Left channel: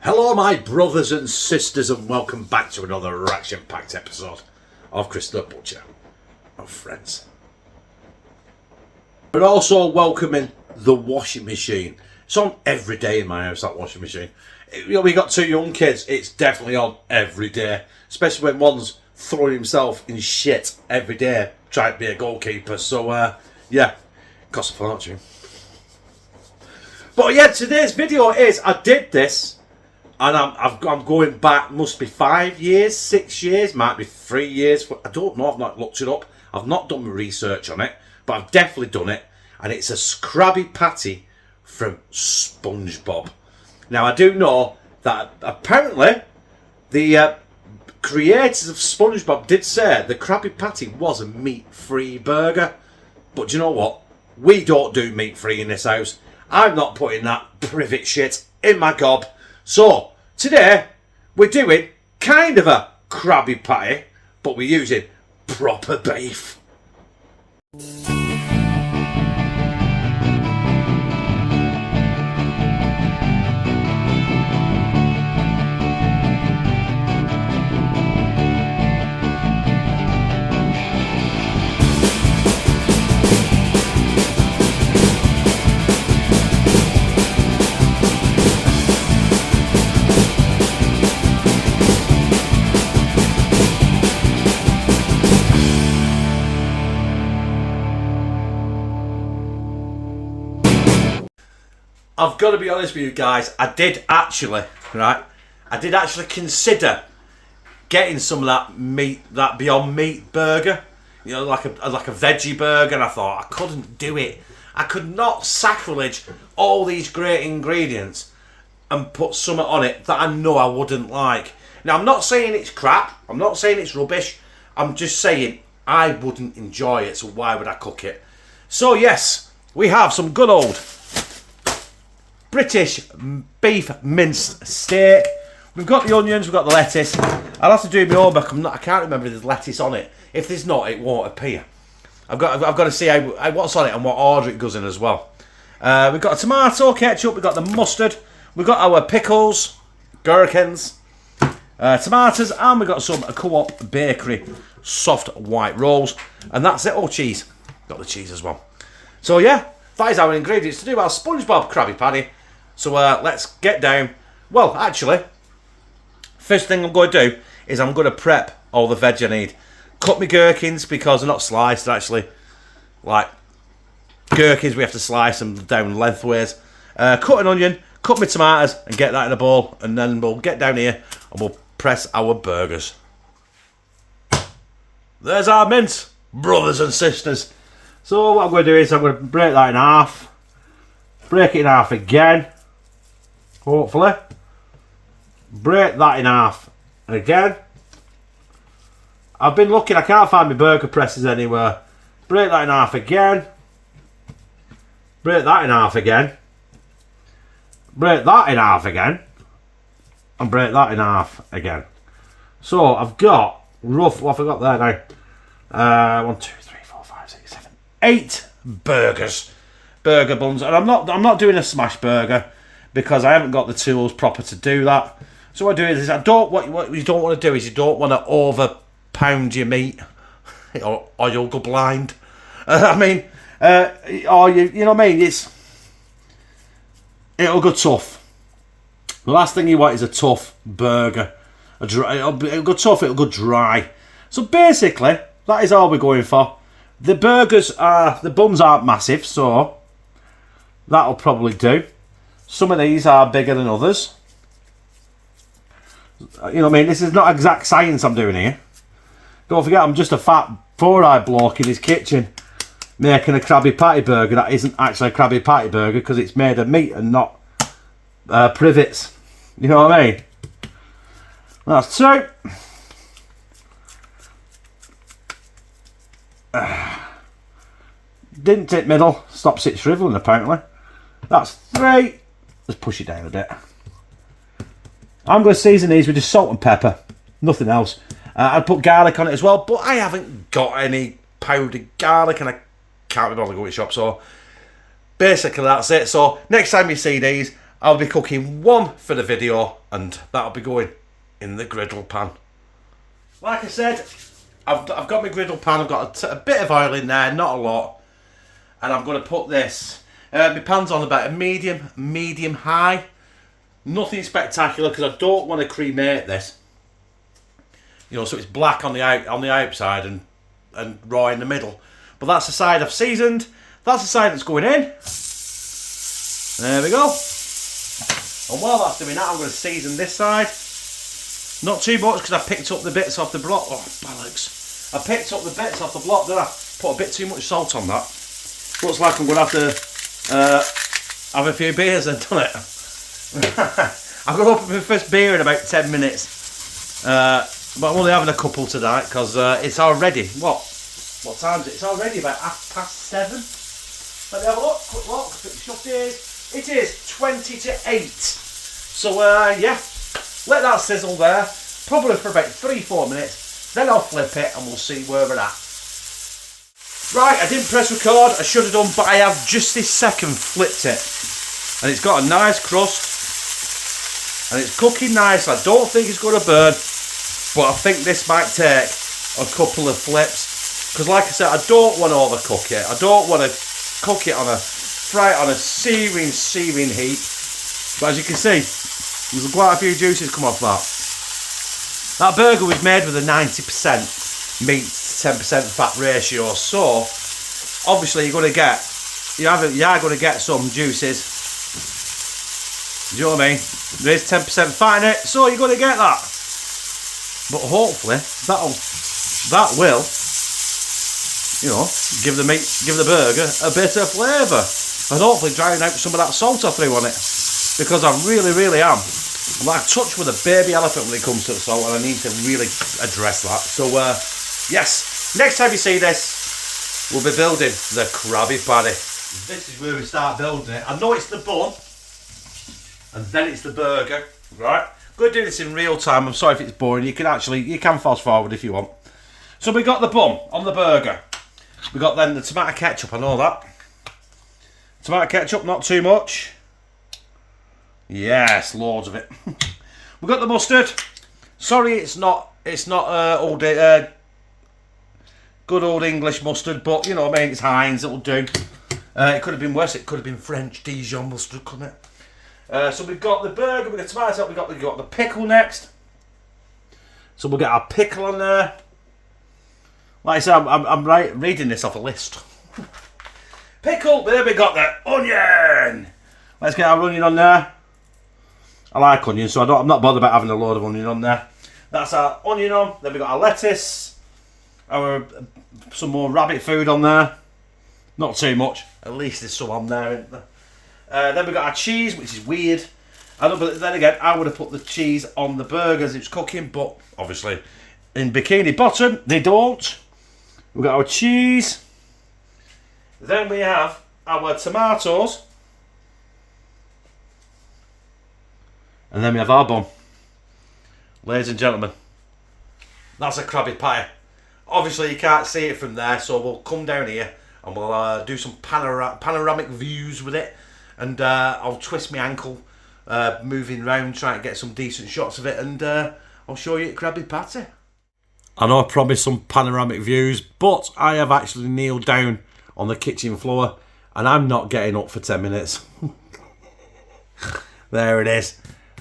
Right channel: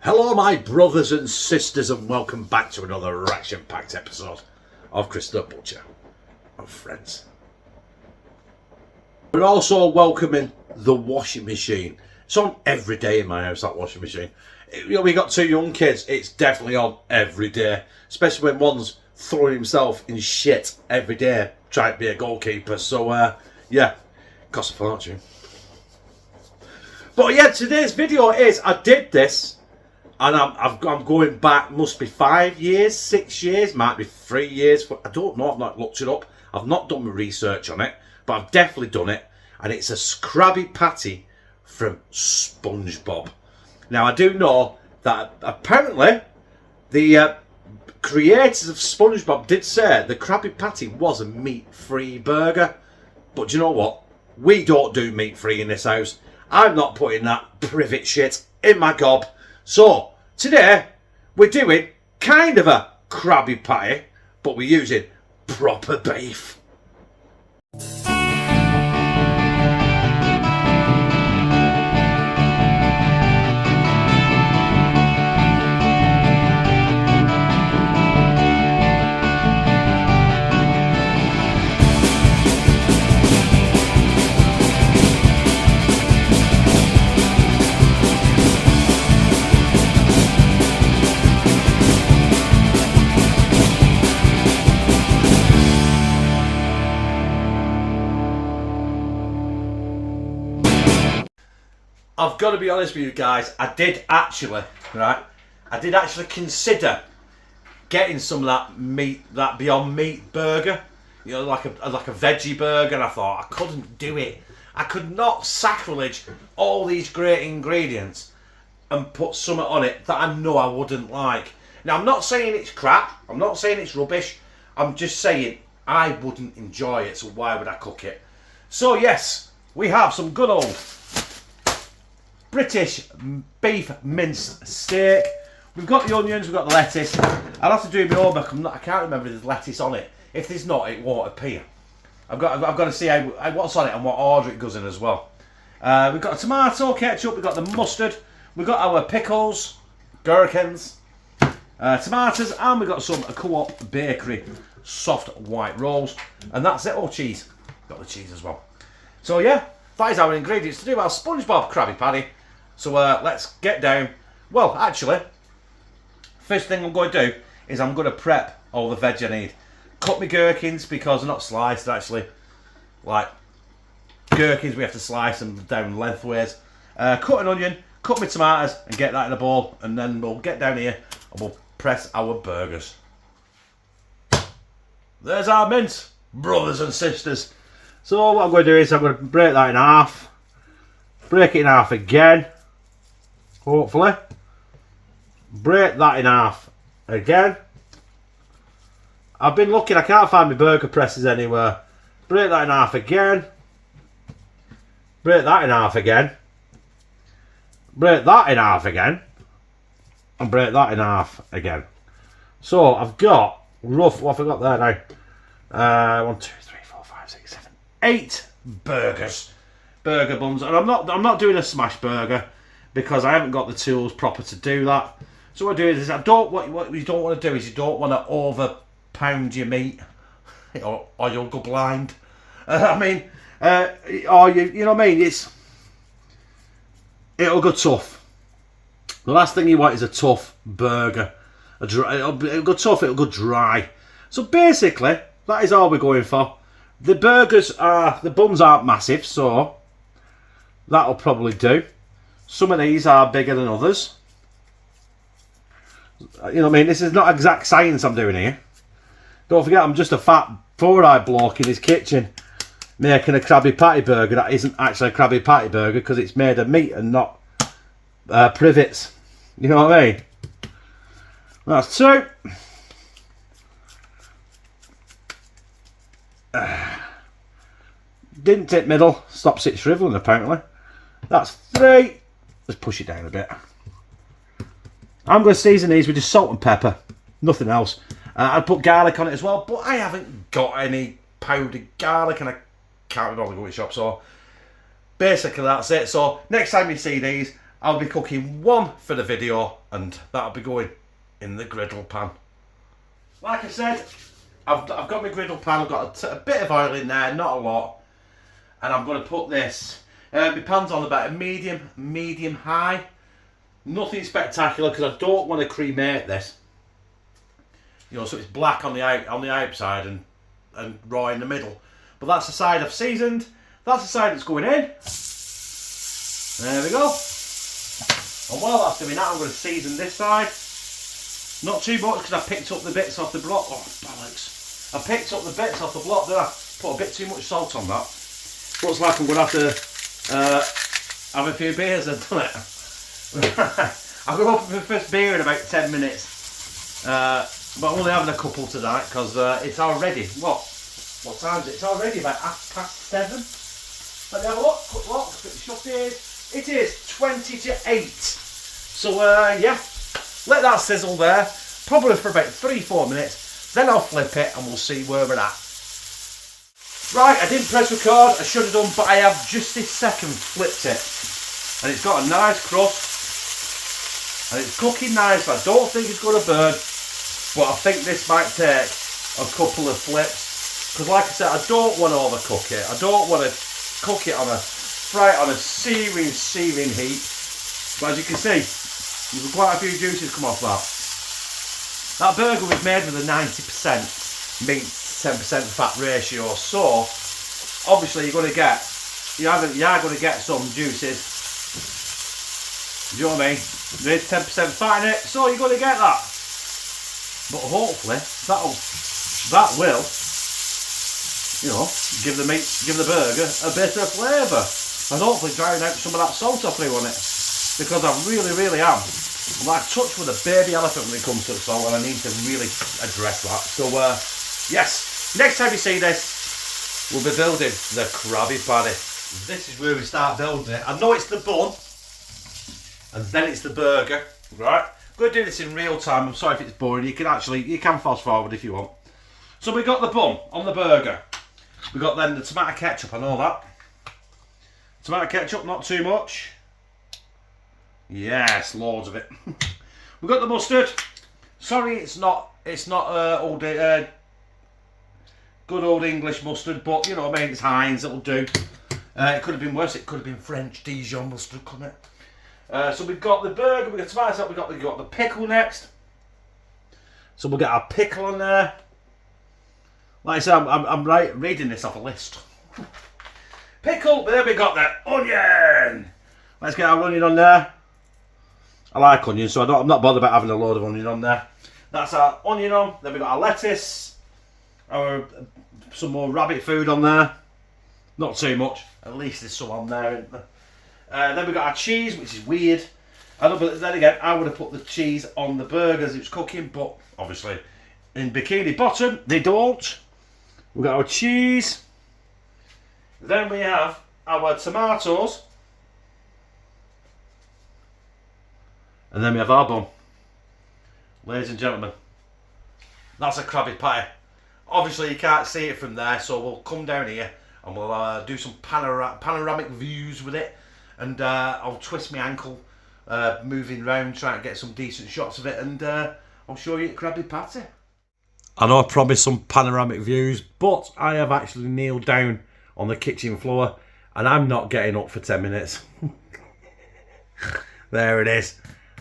Hello my brothers and sisters and welcome back to another action-packed episode of Chris the Butcher of Friends. We're also welcoming the washing machine. It's on every day in my house, that washing machine. We got two young kids, it's definitely on every day. Especially when one's throwing himself in shit every day trying to be a goalkeeper. So yeah, costs a fortune. But yeah, today's video is, I did this. And I'm going back, must be 5 years, 6 years, might be 3 years. I don't know, I've not looked it up. I've not done my research on it, but I've definitely done it. And it's a Krabby patty from Spongebob. Now, I do know that apparently the creators of Spongebob did say the Krabby patty was a meat-free burger. But do you know what? We don't do meat-free in this house. I'm not putting that privet shit in my gob. So, today, we're doing kind of a Krabby patty, but we're using proper beef. I've got to be honest with you guys, I did actually consider getting some of that meat, that Beyond Meat burger, you know, like a veggie burger, and I thought I couldn't do it. I could not sacrilege all these great ingredients and put something on it that I know I wouldn't like. Now, I'm not saying it's crap, I'm not saying it's rubbish, I'm just saying I wouldn't enjoy it, so why would I cook it? So yes, we have some good old British beef minced steak. We've got the onions, we've got the lettuce. I'll have to do my homework. I can't remember if there's lettuce on it. If there's not, it won't appear. I've got to see what's on it and what order it goes in as well. We've got a tomato ketchup, we've got the mustard, we've got our pickles, gherkins, tomatoes, and we've got some Co-op Bakery soft white rolls. And that's it. Oh, cheese. Got the cheese as well. So yeah, that is our ingredients to do our Spongebob Krabby patty. So let's get down. Well, actually, first thing I'm going to do is I'm going to prep all the veg I need. Cut my gherkins because they're not sliced. They're actually like gherkins. We have to slice them down lengthways. Cut an onion, cut my tomatoes, and get that in a bowl. And then we'll get down here and we'll press our burgers. There's our mince, brothers and sisters. So what I'm going to do is I'm going to break that in half. Break it in half again. Hopefully. Break that in half again. I've been looking, I can't find my burger presses anywhere. Break that in half again. Break that in half again. Break that in half again. And break that in half again. So I've got rough, what have I got there now? 1, 2, 3, 4, 5, 6, 7, 8 burger buns, and I'm not doing a smash burger because I haven't got the tools proper to do that. So what I do is what you don't want to do is you don't want to over pound your meat or you'll go blind. Or you know what I mean, it'll go tough. The last thing you want is a tough burger. It'll go tough, it'll go dry. So basically that is all we're going for. The buns aren't massive, so that'll probably do. Some of these are bigger than others. You know what I mean? This is not exact science I'm doing here. Don't forget, I'm just a fat four-eyed bloke in his kitchen making a Krabby patty burger that isn't actually a Krabby patty burger because it's made of meat and not privets. You know what I mean? That's 2. Didn't tip middle, stops it shriveling apparently. That's 3. Let's push it down a bit. I'm going to season these with just salt and pepper, nothing else. I'd put garlic on it as well, but I haven't got any powdered garlic and I can't be bothered to go to the shop, so basically that's it. So next time you see these, I'll be cooking one for the video, and that'll be going in the griddle pan. Like I said, I've got my griddle pan. I've got a bit of oil in there, not a lot, and I'm going to put this. My pan's on about a medium high. Nothing spectacular because I don't want to cremate this. You know, so it's black on the outside and raw in the middle. But that's the side I've seasoned. That's the side that's going in. There we go. And while that's doing that, I'm going to season this side. Not too much because I picked up the bits off the block. Oh, bollocks. I picked up the bits off the block there. Put a bit too much salt on that. Looks like I'm going to have to have a few beers and done it. I'm going to open my first beer in about 10 minutes. But I'm only having a couple tonight because it's already, what time is it? It's already about 7:30. Let me have a look, quick look. It is 20 to 8. So yeah, let that sizzle there. Probably for about 3-4 minutes. Then I'll flip it and we'll see where we're at. Right, I didn't press record. I should have done, but I have just this second flipped it. And it's got a nice crust. And it's cooking nice. I don't think it's going to burn. But I think this might take a couple of flips. Because like I said, I don't want to overcook it. I don't want to cook it fry it on a searing heat. But as you can see, there's quite a few juices come off that. That burger was made with a 90% meat, 10% fat ratio. So obviously you're going to get, you are going to get some juices. Do you know what I mean? There is 10% fat in it, so you're going to get that. But hopefully that will, you know, give the burger a bit of flavour, and hopefully drown out some of that salt I threw on it. Because I really am. I'm like touched with a baby elephant when it comes to the salt, and I need to really address that. So yes, next time you see this, we'll be building the Krabby patty. This is where we start building it. I know it's the bun, and then it's the burger, right? I'm going to do this in real time. I'm sorry if it's boring. You can fast forward if you want. So we got the bun on the burger. We got then the tomato ketchup. I know that. Tomato ketchup, not too much. Yes, loads of it. We got the mustard. Sorry, it's not good old English mustard, but you know what I mean. It's Heinz. It'll do. It could have been worse. It could have been French Dijon mustard, couldn't it? So we've got the burger, we've got tomato, we've got the pickle next. So we'll get our pickle on there. Like I said, I'm reading this off a list. Pickle, there we got the onion. Let's get our onion on there. I like onion, so I'm not bothered about having a load of onion on there. That's our onion on. Then we've got our lettuce. Some more rabbit food on there. Not too much. At least there's some on there, isn't there? Then we've got our cheese, which is weird. But then again, I would have put the cheese on the burger as it's cooking, but obviously in Bikini Bottom, they don't. We've got our cheese. Then we have our tomatoes. And then we have our bun. Ladies and gentlemen, that's a Krabby patty. Obviously you can't see it from there, so we'll come down here and we'll do some panoramic views with it. And I'll twist my ankle moving round, trying to get some decent shots of it, and I'll show you Krabby patty. I know I promised some panoramic views, but I have actually kneeled down on the kitchen floor, and I'm not getting up for 10 minutes. There it is.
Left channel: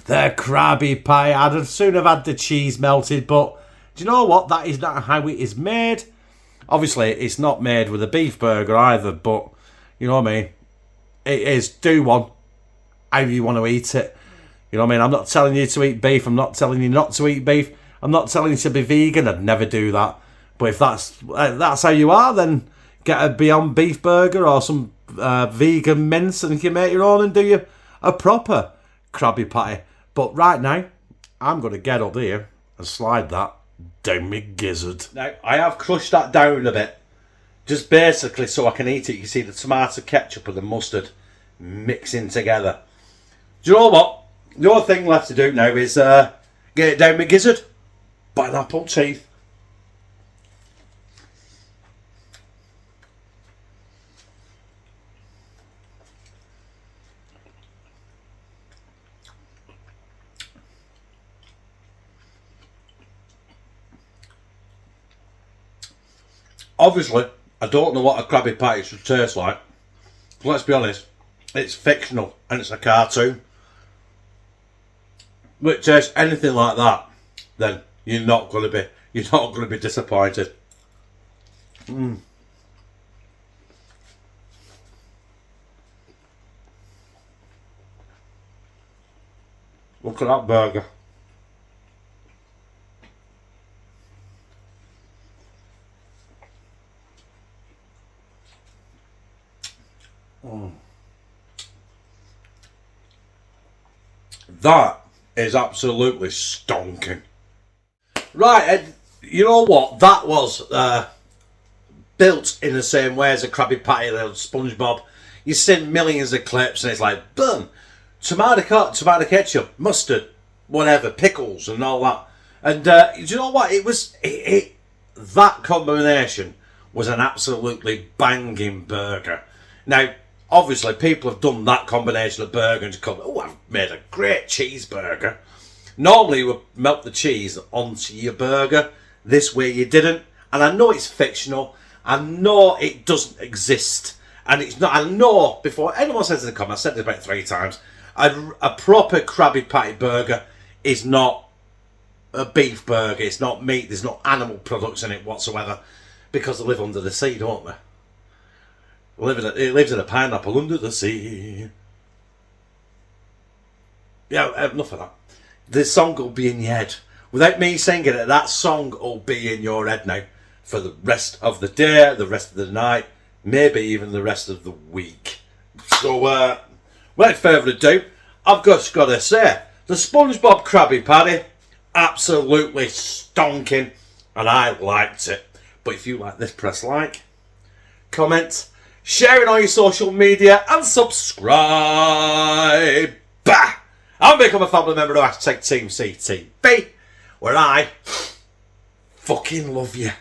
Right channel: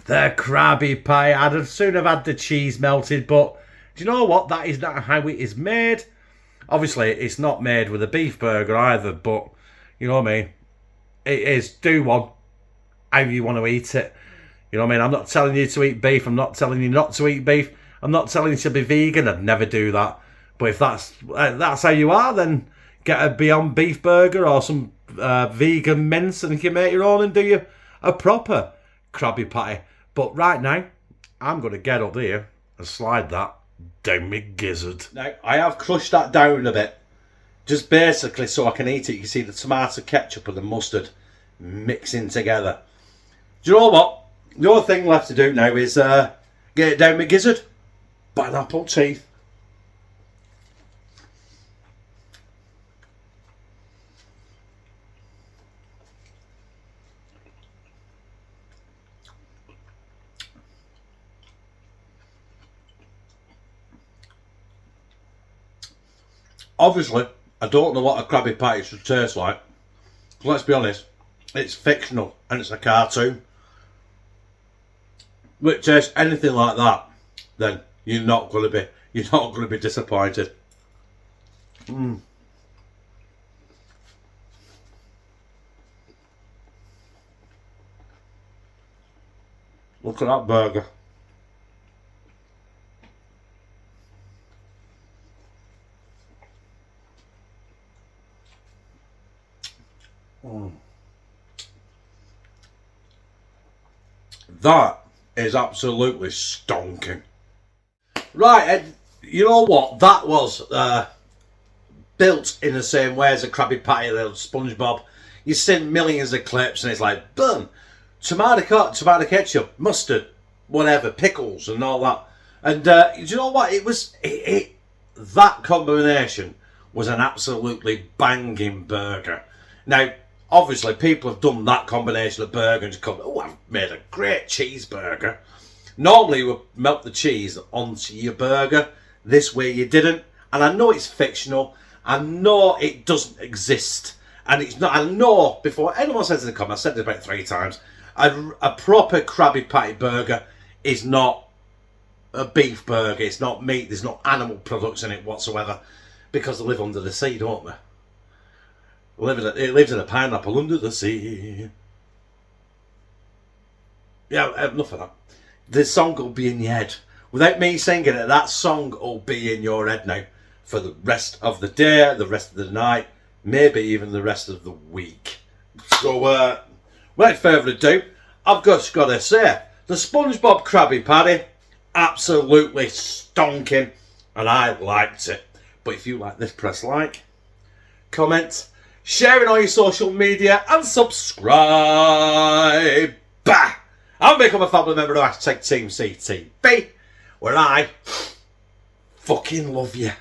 The Krabby pie. I'd soon have had the cheese melted, but do you know what? That is not how it is made. Obviously, it's not made with a beef burger either, but you know what I mean? It is, do one how you want to eat it. You know what I mean? I'm not telling you to eat beef. I'm not telling you not to eat beef. I'm not telling you to be vegan. I'd never do that. But if that's how you are, then get a Beyond Beef burger or some vegan mince, and you can make your own and do you a proper Krabby patty. But right now, I'm going to get up here and slide that down my gizzard. Now, I have crushed that down a bit. Just basically so I can eat it. You can see the tomato ketchup and the mustard mixing together. Do you know what? The only thing left to do now is get it down my gizzard. Pineapple teeth. Obviously, I don't know what a Krabby Patty should taste like. Let's be honest, it's fictional and it's a cartoon. Which tastes anything like that, then you're not going to be disappointed. Look at that burger. That is absolutely stonking. Right, Ed, you know what? That was built in the same way as a Krabby Patty, little Spongebob. You've seen millions of clips and it's like, boom, tomato ketchup, mustard, whatever, pickles and all that. And do you know what? That combination was an absolutely banging burger. Now, obviously, people have done that combination of burger and just come, oh, I've made a great cheeseburger. Normally, you would melt the cheese onto your burger. This way, you didn't. And I know it's fictional. I know it doesn't exist. And it's not. I know, before anyone says in the comments, I said this about 3 times, a proper Krabby Patty burger is not a beef burger. It's not meat. There's no animal products in it whatsoever. Because they live under the sea, don't they? It lives in a pineapple under the sea. Yeah, enough of that. The song will be in your head. Without me singing it, that song will be in your head now. For the rest of the day, the rest of the night, maybe even the rest of the week. So, without further ado, I've just got to say, the SpongeBob Krabby Patty, absolutely stonking. And I liked it. But if you like this, press like, comment, share it on your social media and subscribe. Bah! I'll become a family member of #TeamCTV, where I fucking love you.